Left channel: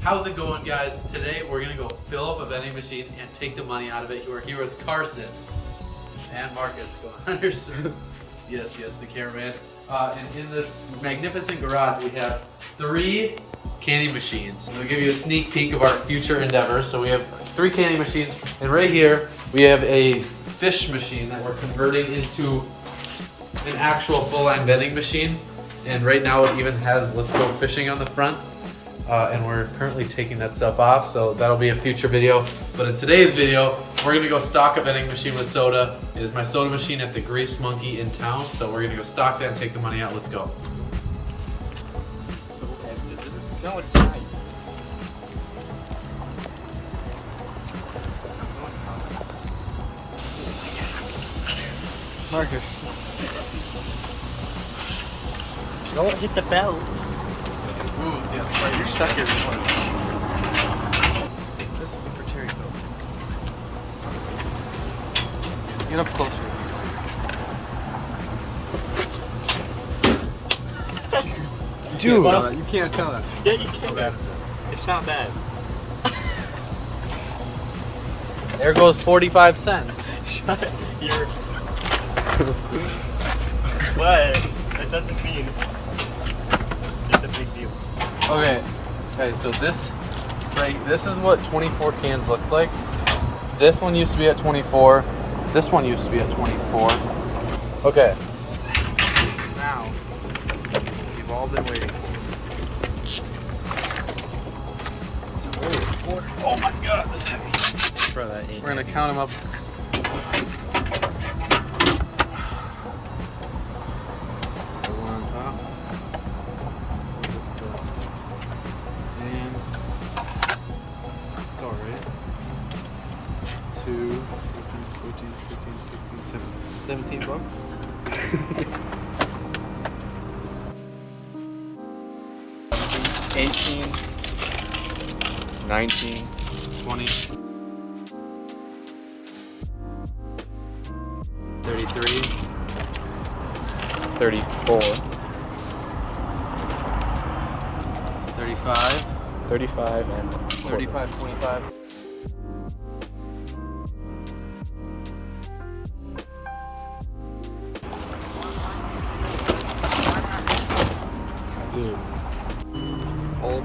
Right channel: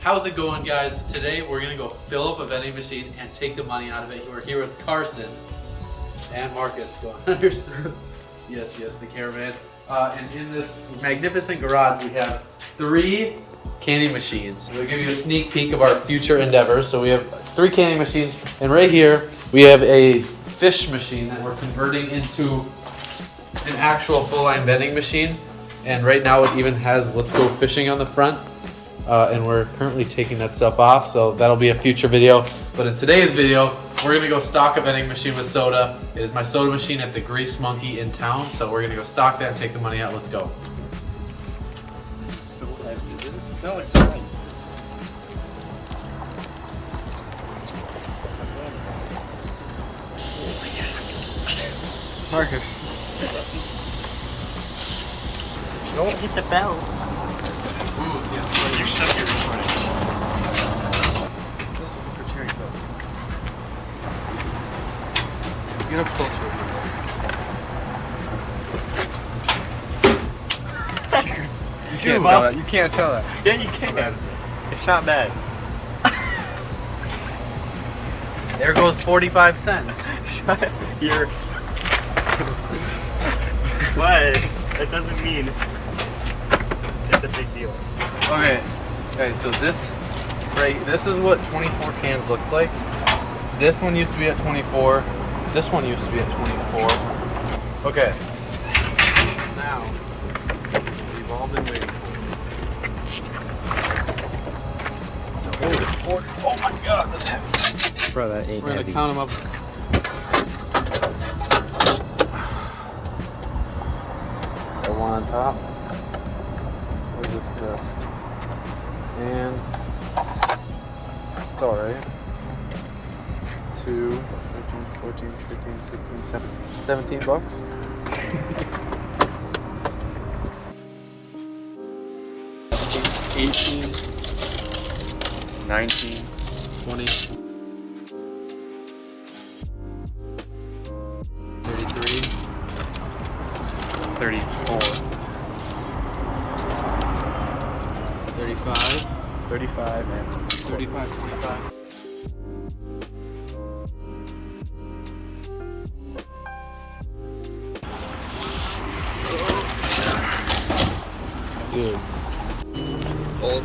How's it going, guys? Today we're gonna go fill up a vending machine and take the money out of it. We're here with Carson and Marcus. Go on. Yes, the cameraman. And in this magnificent garage, we have 3 candy machines. We'll give you a sneak peek of our future endeavors. So we have 3 candy machines, and right here we have a fish machine that we're converting into an actual full-line vending machine. And right now it even has "Let's Go Fishing" on the front. And we're currently taking that stuff off, so that'll be a future video. But in today's video, we're gonna go stock a vending machine with soda. It is my soda machine at the Grease Monkey in town, so we're gonna go stock that and take the money out. Let's go. No, it's not. Marcus. Don't hit the bell. Ooh, yes, You're stuck here recording. This one for cherry coke. Get up closer. Dude, you can't sell that. Yeah, you can. It's not bad. There goes 45 cents. Shut up. You're... What? That doesn't mean it's a big deal. Okay, so this is what 24 cans looks like. This one used to be at 24. This one used to be at 24. Okay. Now, we've all been waiting. So we're gonna record. Oh my god, that's heavy. We're gonna count them up. The one on top. Where's this? And it's alright. 2, 13, 14, 15, 16, 17 bucks. 18, 19, 20, 33, 34, 35, 35, and 35, 25. Dude. old.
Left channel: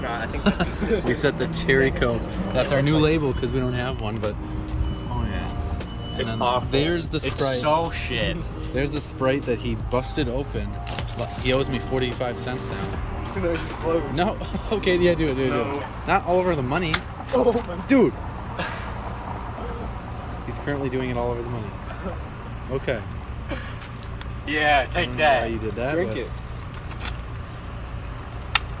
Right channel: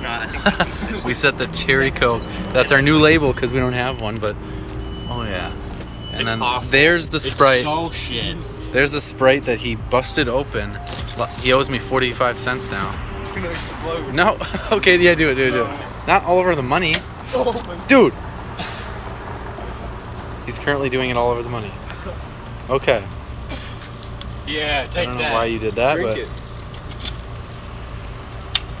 Nah, I think We set the cherry coke. That's our new label because we don't have one, but oh yeah. And It's then awful. there's the Sprite. It's so shit. There's the Sprite that he busted open. He owes me 45 cents now. It's gonna explode. No. Okay, yeah, do it. No. Not all over the money. Oh my. Dude. He's currently doing it all over the money. Okay. Yeah, take that. I don't know why you did that, Drink but it.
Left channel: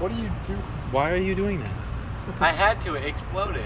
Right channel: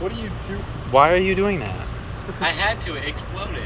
What do you do? why are you doing that? I had to. It exploded.